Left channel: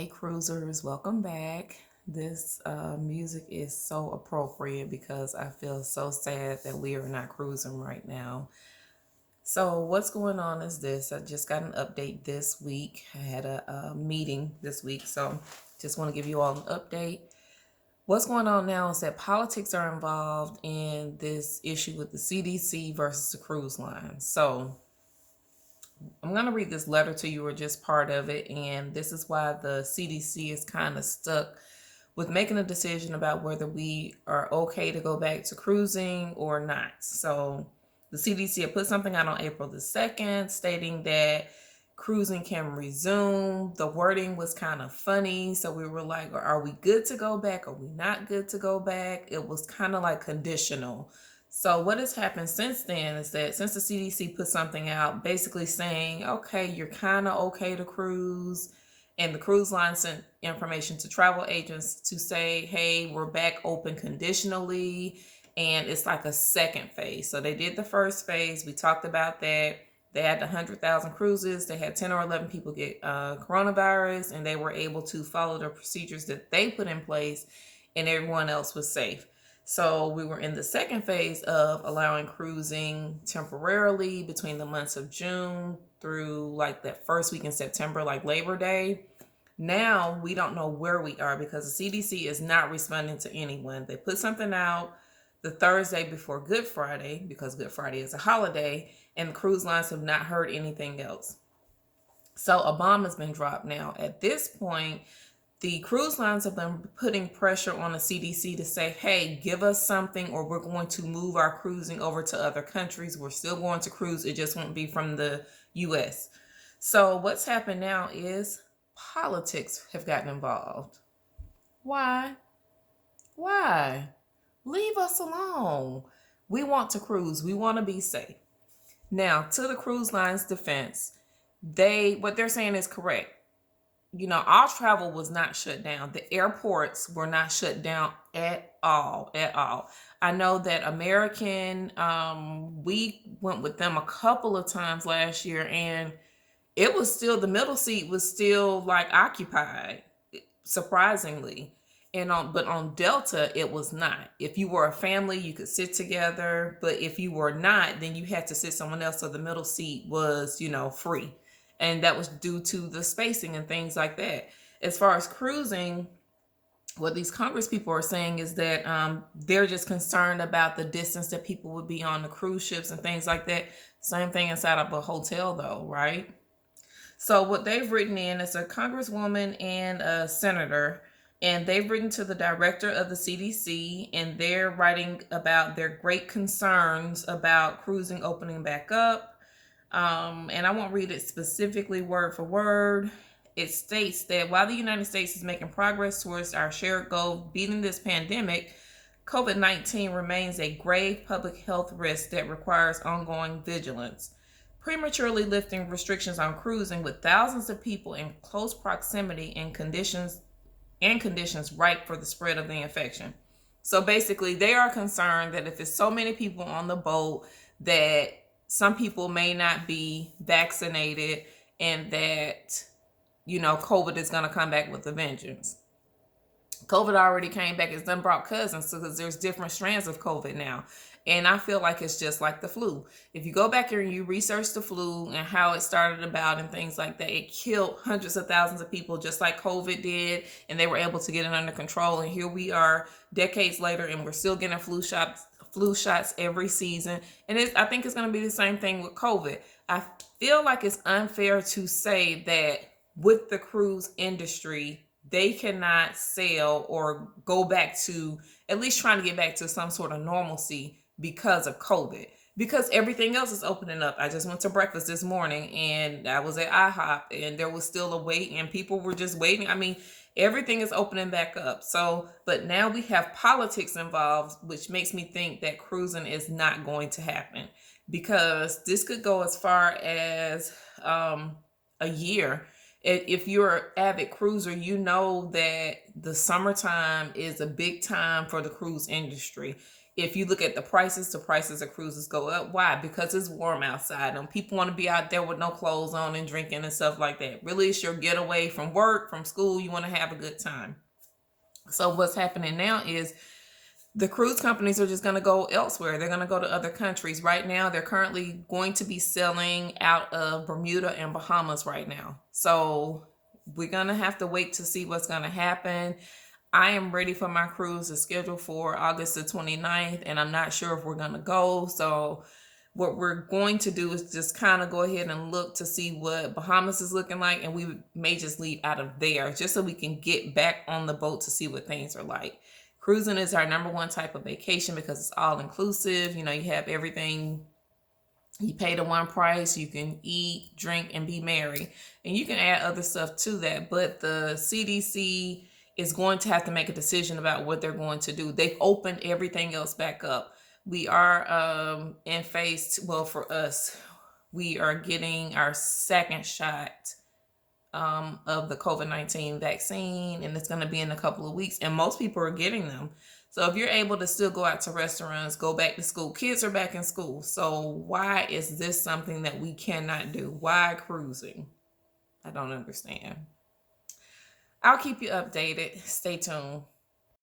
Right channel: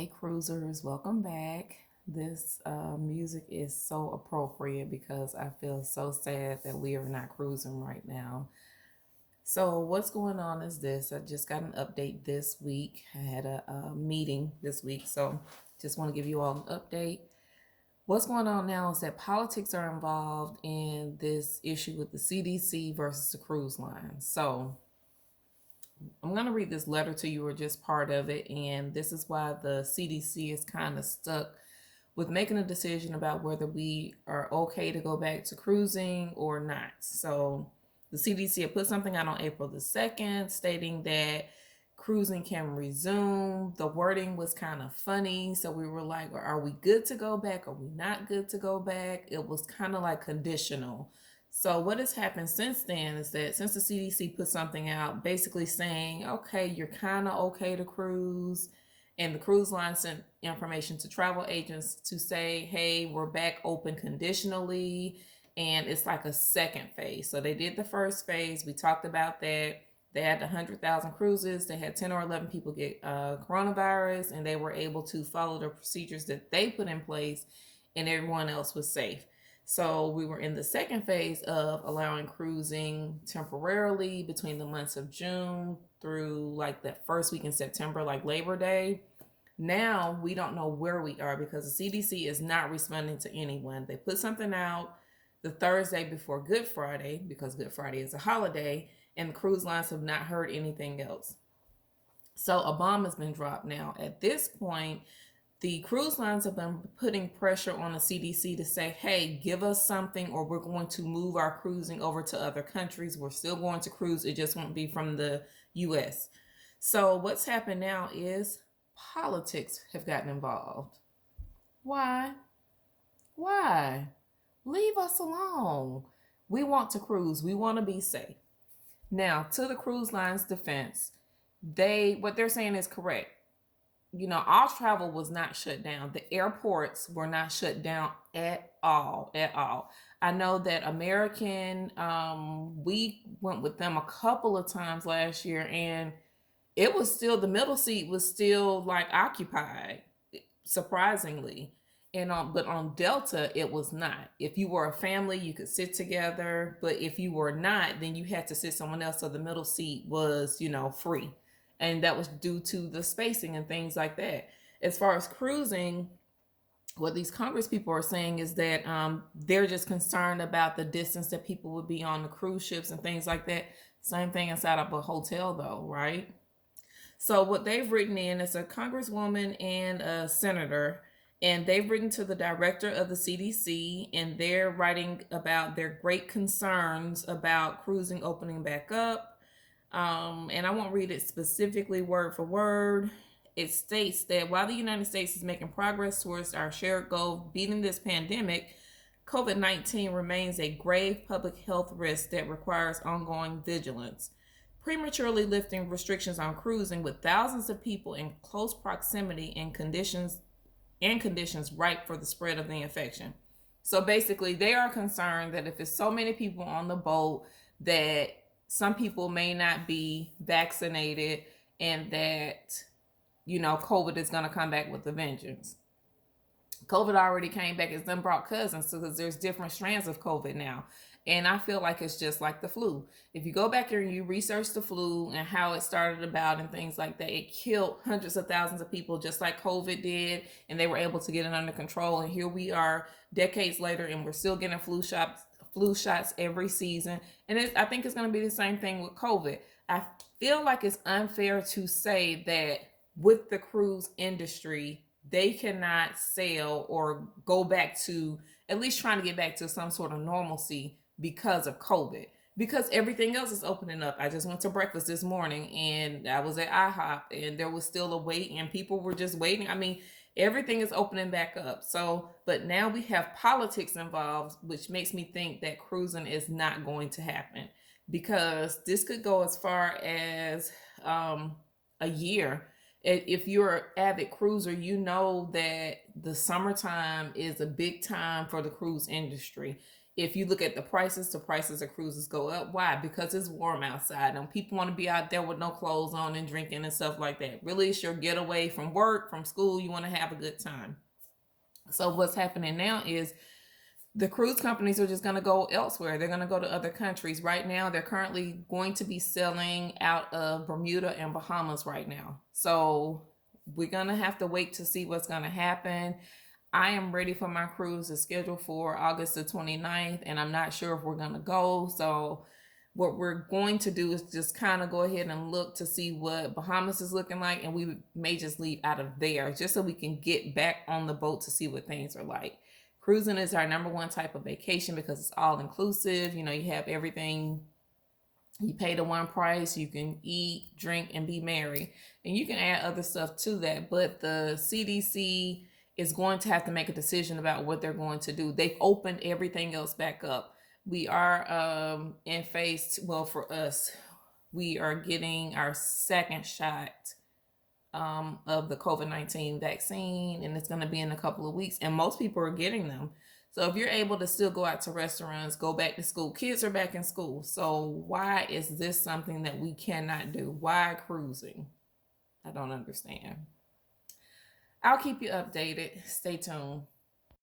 Hey cruisers, welcome back. This music is so appropriate because I feel so sad that we are not cruising right now. So, what's going on is this. I just got an update this week. I had a meeting this week, so just want to give you all an update. What's going on now is that politics are involved in this issue with the CDC versus the cruise line. So, I'm going to read this letter to you or just part of it. And this is why the CDC is kind of stuck with making a decision about whether we are okay to go back to cruising or not. So the CDC had put something out on April the 2nd stating that cruising can resume. The wording was kind of funny. So we were like, are we good to go back? Are we not good to go back? It was kind of like conditional. So what has happened since then is that since the CDC put something out basically saying, okay, you're kind of okay to cruise, and the cruise line sent information to travel agents to say, hey, we're back open conditionally, and it's like a second phase. So they did the first phase. We talked about that. They had 100,000 cruises. They had 10 or 11 people get coronavirus, and they were able to follow the procedures that they put in place, and everyone else was safe. So we were in the second phase of allowing cruising temporarily between the months of June through like that first week in September, like Labor Day. Now we don't know where we are because the CDC is not responding to anyone. They put something out the Thursday before Good Friday because Good Friday is a holiday, and the cruise lines have not heard anything else. So a bomb has been dropped now. At this point, the cruise lines have been putting pressure on the CDC to say, hey, give us something or we're going to move our cruising over to other countries. We're still going to cruise. It just won't be from the US. So what's happened now is politics have gotten involved. Why? Why? Leave us alone. We want to cruise. We want to be safe. Now, to the cruise line's defense, what they're saying is correct. Our travel was not shut down. The airports were not shut down at all, at all. I know that American, we went with them a couple of times last year, and it was still, the middle seat was still like occupied, surprisingly. But on Delta, it was not. If you were a family, you could sit together, but if you were not, then you had to sit someone else. So the middle seat was, free. And that was due to the spacing and things like that. As far as cruising, what these Congress people are saying is that they're just concerned about the distance that people would be on the cruise ships and things like that. Same thing inside of a hotel, though, right? So what they've written in is a congresswoman and a senator, and they've written to the director of the CDC, and they're writing about their great concerns about cruising opening back up. And I won't read it specifically word for word. It states that while the United States is making progress towards our shared goal of beating this pandemic, COVID-19 remains a grave public health risk that requires ongoing vigilance. Prematurely lifting restrictions on cruising with thousands of people in close proximity in conditions ripe for the spread of the infection. So basically, they are concerned that if it's so many people on the boat that some people may not be vaccinated and that, COVID is going to come back with a vengeance. COVID already came back. It's done brought cousins because there's different strands of COVID now. And I feel like it's just like the flu. If you go back here and you research the flu and how it started about and things like that, it killed hundreds of thousands of people just like COVID did. And they were able to get it under control. And here we are decades later and we're still getting flu shots every season. And I think it's going to be the same thing with COVID. I feel like it's unfair to say that with the cruise industry, they cannot sail or go back to, at least trying to get back to some sort of normalcy because of COVID. Because everything else is opening up. I just went to breakfast this morning and I was at IHOP and there was still a wait and people were just waiting. I mean, everything is opening back up. So, but now we have politics involved, which makes me think that cruising is not going to happen because this could go as far as a year. If you're an avid cruiser, you know that the summertime is a big time for the cruise industry. If you look at the prices of cruises go up. Why? Because it's warm outside and people want to be out there with no clothes on and drinking and stuff like that. Really, it's your getaway from work, from school. You want to have a good time. So what's happening now is the cruise companies are just going to go elsewhere. They're going to go to other countries. Right now, they're currently going to be selling out of Bermuda and Bahamas right now. So we're going to have to wait to see what's going to happen. I am ready for my cruise. It's scheduled for August the 29th, and I'm not sure if we're going to go. So what we're going to do is just kind of go ahead and look to see what Bahamas is looking like, and we may just leave out of there just so we can get back on the boat to see what things are like. Cruising is our number one type of vacation because it's all inclusive. You know, you have everything. You pay the one price. You can eat, drink, and be merry. And you can add other stuff to that. But the CDC is going to have to make a decision about what they're going to do. They've opened everything else back up. We are in well, for us, we are getting our second shot of the COVID-19 vaccine, and it's going to be in a couple of weeks, and most people are getting them. So if you're able to still go out to restaurants, go back to school, kids are back in school. So why is this something that we cannot do? Why cruising? I don't understand. I'll keep you updated. Stay tuned.